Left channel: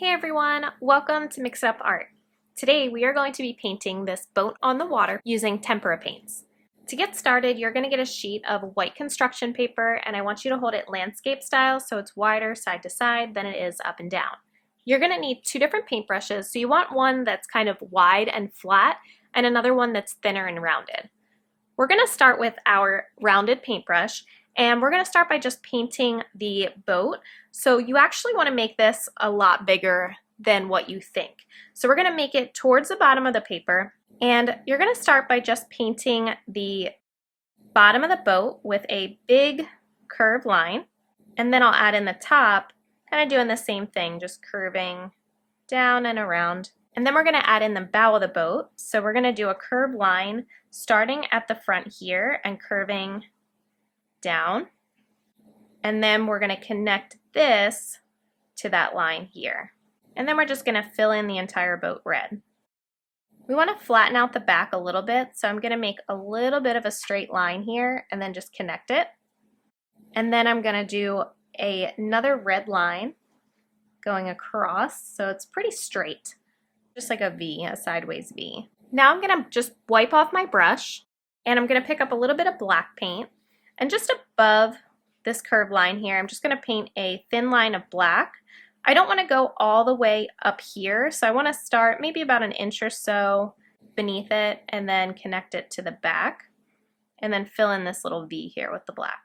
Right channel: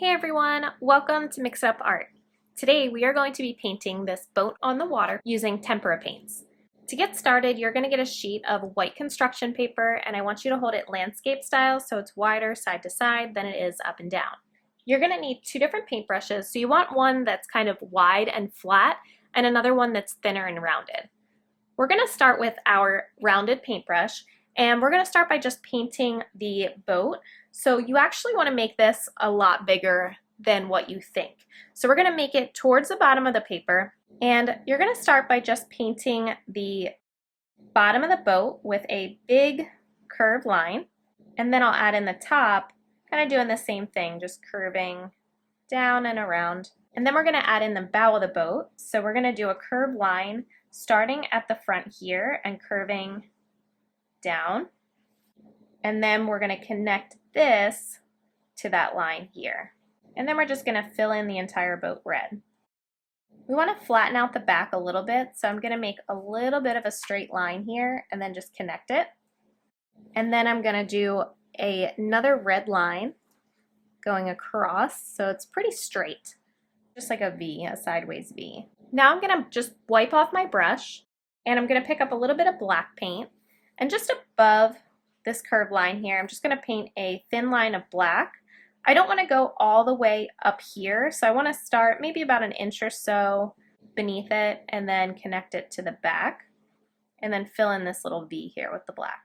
Hey everyone, welcome to Mix It Up Art. Today we are going to be painting this boat on the water using tempera paints. To get started, you're going to get a sheet of white construction paper and I want you to hold it landscape style so it's wider side to side than it is up and down. You're going to need two different paintbrushes, so you want one that's kind of wide and flat and another one that's thinner and rounded. We're going to start with our rounded paintbrush and we're going to start by just painting the boat. So you actually want to make this a lot bigger than what you think. So we're going to make it towards the bottom of the paper, and you're going to start by just painting the bottom of the boat with a big curved line, and then I'll add in the top, kind of doing the same thing, just curving down and around. And then we're going to add in the bow of the boat. So we're going to do a curved line starting at the front here and curving down. And then we're going to connect this to that line here. And then we're just going to fill in the entire boat red. We want to flatten out the back a little bit, so I'm going to make a little bit of a straight line here and then just connect it. And then I'm going to do another red line going across, so it's pretty straight, just like a V, a sideways V. Now I'm going to just wipe off my brush and I'm going to pick up a little bit of black paint, and just above this curved line here, I'm just going to paint a thin line of black. I don't want to go all the way up here, so I want to start maybe about an inch or so beneath it and then connect it to the back and then fill in this little V here with the black.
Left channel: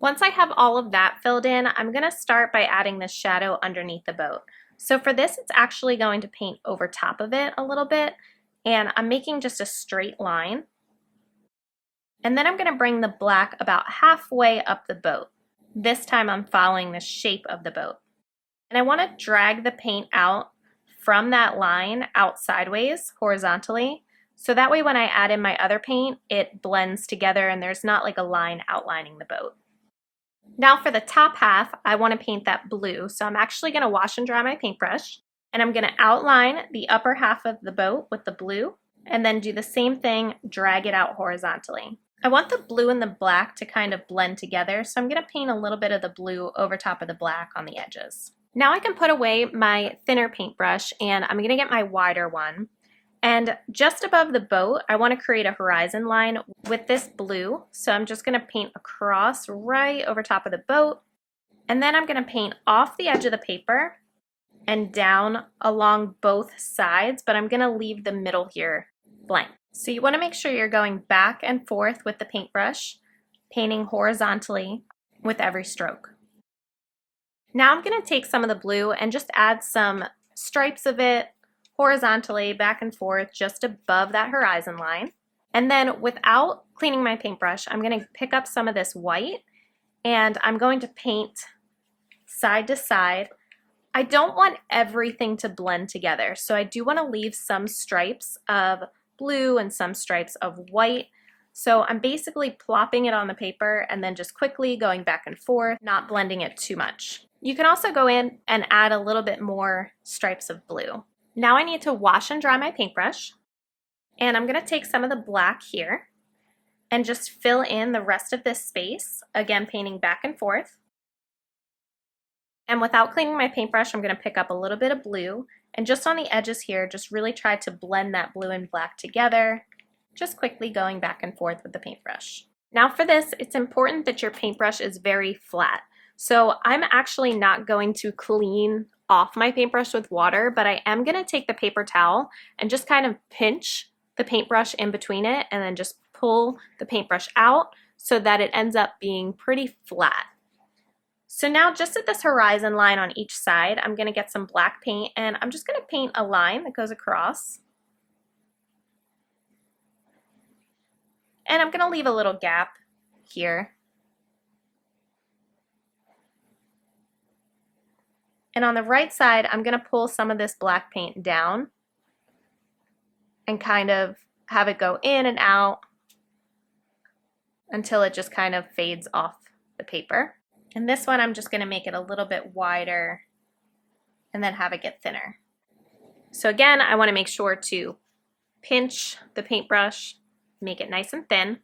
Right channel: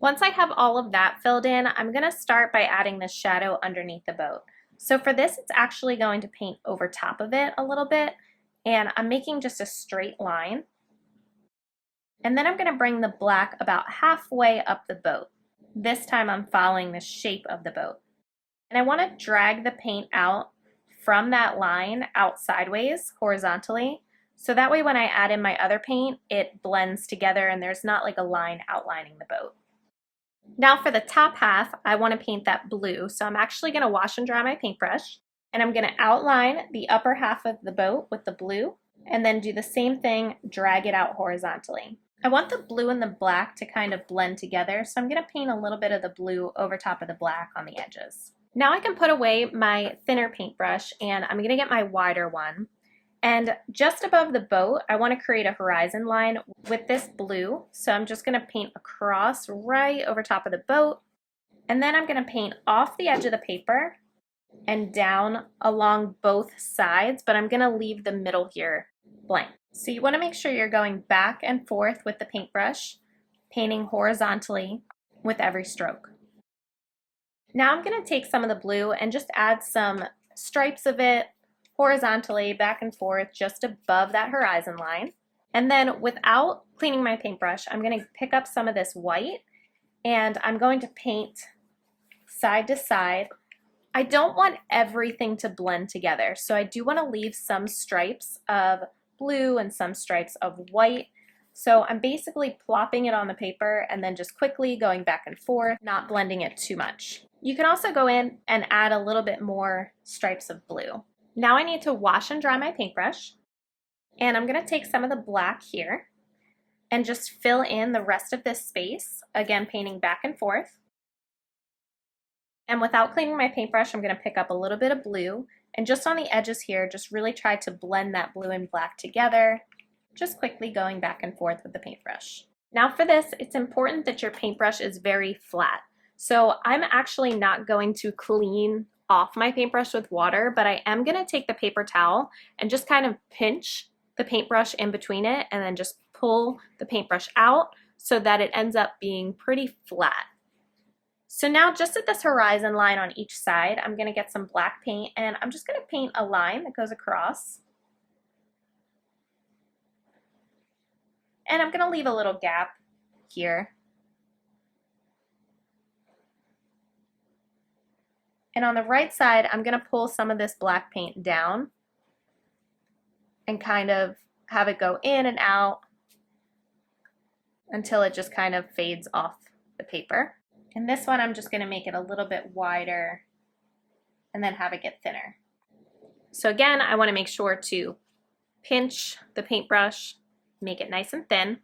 Once I have all of that filled in, I'm going to start by adding the shadow underneath the boat. So for this, it's actually going to paint over top of it a little bit, and I'm making just a straight line. And then I'm going to bring the black about halfway up the boat. This time I'm following the shape of the boat. And I want to drag the paint out from that line out sideways, horizontally, so that way when I add in my other paint, it blends together and there's not like a line outlining the boat. Now for the top half, I want to paint that blue, so I'm actually going to wash and dry my paintbrush, and I'm going to outline the upper half of the boat with the blue, and then do the same thing, drag it out horizontally. I want the blue and the black to kind of blend together, so I'm going to paint a little bit of the blue over top of the black on the edges. Now I can put away my thinner paintbrush and I'm going to get my wider one. And just above the boat, I want to create a horizon line with this blue. So I'm just going to paint across right over top of the boat. And then I'm going to paint off the edge of the paper and down along both sides, but I'm going to leave the middle here blank. So you want to make sure you're going back and forth with the paintbrush, painting horizontally with every stroke. Now I'm going to take some of the blue and just add some stripes of it horizontally back and forth just above that horizon line. And then without cleaning my paintbrush, I'm going to pick up some of this white and I'm going to paint side to side. I don't want everything to blend together, so I do want to leave some stripes of blue and some stripes of white. So I'm basically plopping it on the paper and then just quickly going back and forth, not blending it too much. You can also go in and add a little bit more stripes of blue. Now I need to wash and dry my paintbrush, and I'm going to take some of the black here and just fill in the rest of this space, again painting back and forth. And without cleaning my paintbrush, I'm going to pick up a little bit of blue and just on the edges here, just really try to blend that blue and black together, just quickly going back and forth with the paintbrush. Now for this, it's important that your paintbrush is very flat. So I'm actually not going to clean off my paintbrush with water, but I am going to take the paper towel and just kind of pinch the paintbrush in between it and then just pull the paintbrush out so that it ends up being pretty flat. So now just at this horizon line on each side, I'm going to get some black paint and I'm just going to paint a line that goes across. And I'm going to leave a little gap here. And on the right side, I'm going to pull some of this black paint down and kind of have it go in and out until it just kind of fades off the paper. And this one, I'm just going to make it a little bit wider and then have it get thinner. So again, I want to make sure to pinch the paintbrush, make it nice and thin.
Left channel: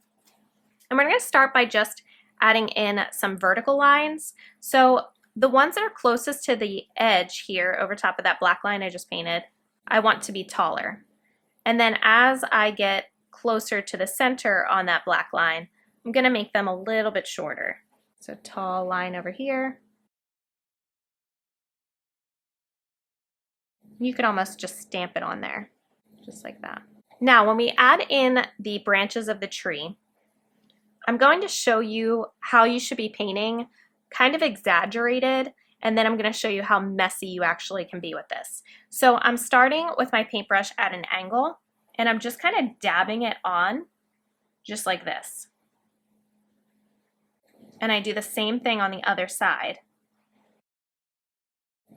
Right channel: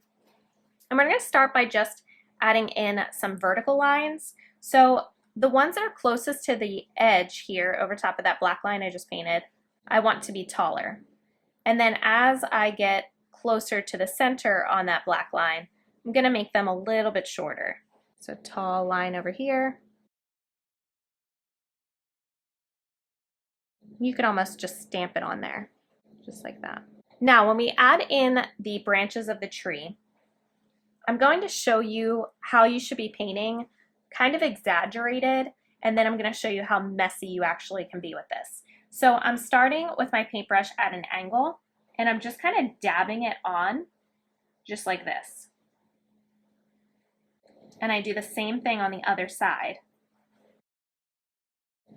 And we're going to start by just adding in some vertical lines. So The ones that are closest to the edge here over top of that black line I just painted, I want to be taller. And then as I get closer to the center on that black line, I'm going to make them a little bit shorter. So tall line over here. You could almost just stamp it on there, just like that. Now, when we add in the branches of the tree, I'm going to show you how you should be painting, kind of exaggerated, and then I'm going to show you how messy you actually can be with this. So I'm starting with my paintbrush at an angle, and I'm just kind of dabbing it on, just like this. And I do the same thing on the other side.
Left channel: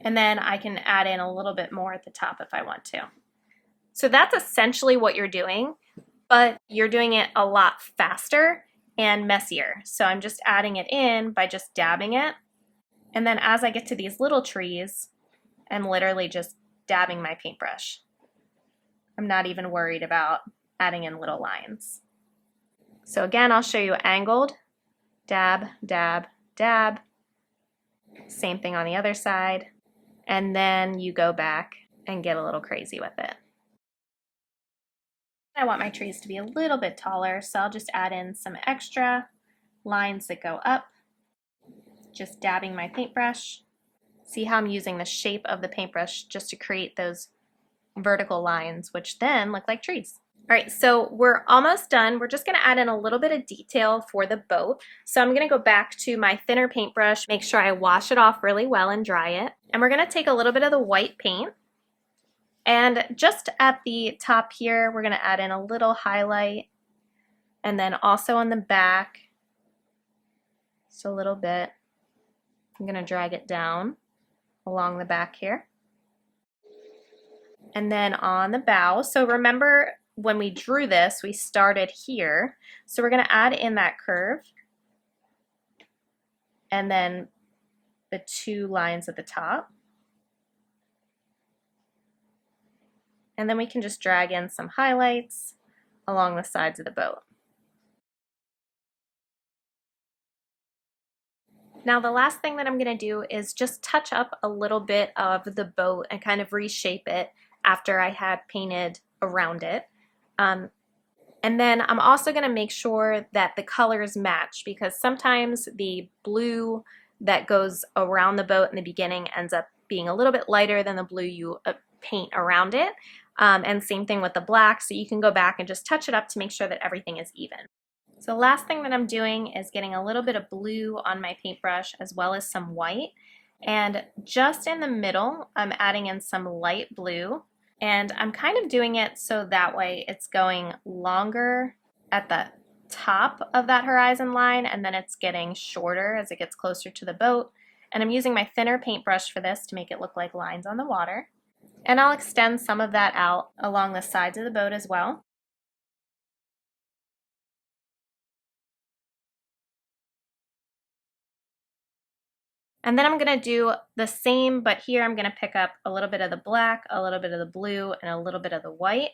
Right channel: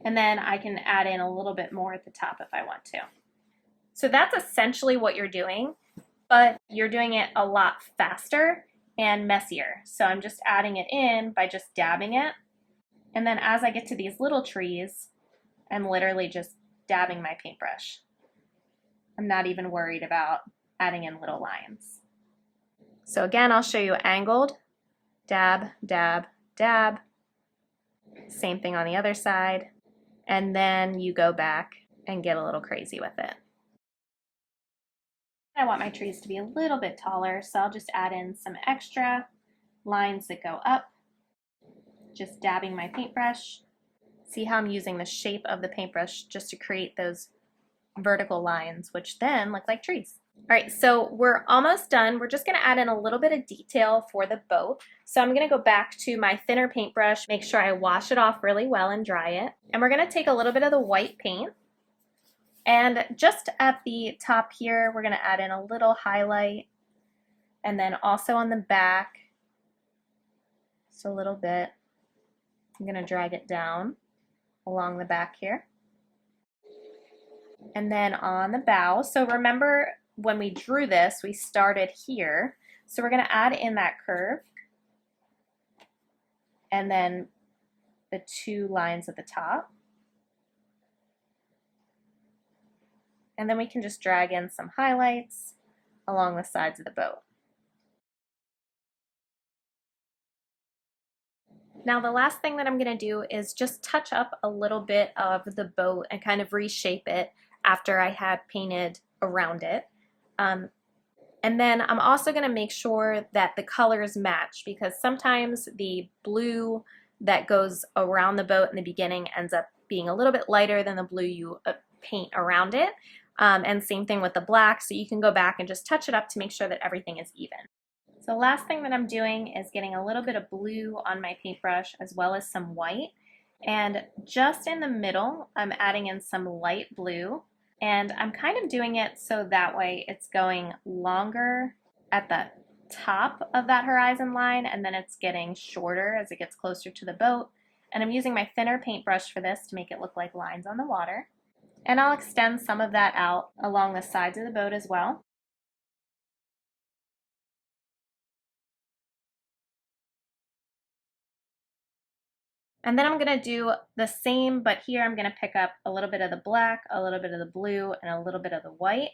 And then I can add in a little bit more at the top if I want to. So that's essentially what you're doing, but you're doing it a lot faster and messier. So I'm just adding it in by just dabbing it. And then as I get to these little trees, I'm literally just dabbing my paintbrush. I'm not even worried about adding in little lines. So again, I'll show you angled, dab, dab, dab. Same thing on the other side. And then you go back and get a little crazy with it. I want my trees to be a little bit taller, so I'll just add in some extra lines that go up, just dabbing my paintbrush. See how I'm using the shape of the paintbrush just to create those vertical lines, which then look like trees. All right, so we're almost done. We're just gonna add in a little bit of detail for the boat. So I'm gonna go back to my thinner paintbrush, make sure I wash it off really well and dry it. And we're gonna take a little bit of the white paint, and just at the top here, we're gonna add in a little highlight, and then also on the back, just a little bit. I'm gonna drag it down along the back here. And then on the bow, so remember when we drew this, we started here. So we're gonna add in that curve, and then the two lines at the top. And then we can just drag in some highlights along the sides of the boat. Now the last thing that I'm going to do is just touch up a little bit of the boat and kind of reshape it after I had painted around it. And then I'm also going to make sure that the colors match, because sometimes the blue that goes around the boat in the beginning ends up being a little bit lighter than the blue you paint around it. And same thing with the black, so you can go back and just touch it up to make sure that everything is even. So the last thing that I'm doing is getting a little bit of blue on my paintbrush as well as some white. And just in the middle, I'm adding in some light blue. And I'm kind of doing it so that way it's going longer at the top of that horizon line, and then it's getting shorter as it gets closer to the boat. And I'm using my thinner paintbrush for this to make it look like lines on the water. And I'll extend some of that out along the sides of the boat as well. And then I'm going to do the same, but here I'm going to pick up a little bit of the black, a little bit of the blue, and a little bit of the white,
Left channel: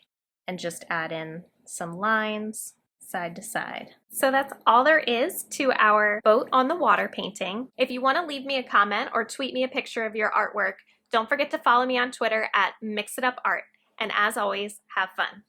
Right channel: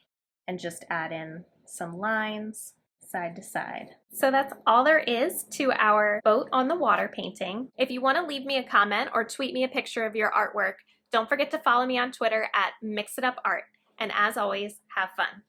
and just add in some lines side to side. So that's all there is to our boat on the water painting. If you want to leave me a comment or tweet me a picture of your artwork, don't forget to follow me on Twitter at MixItUpArt. And as always, have fun.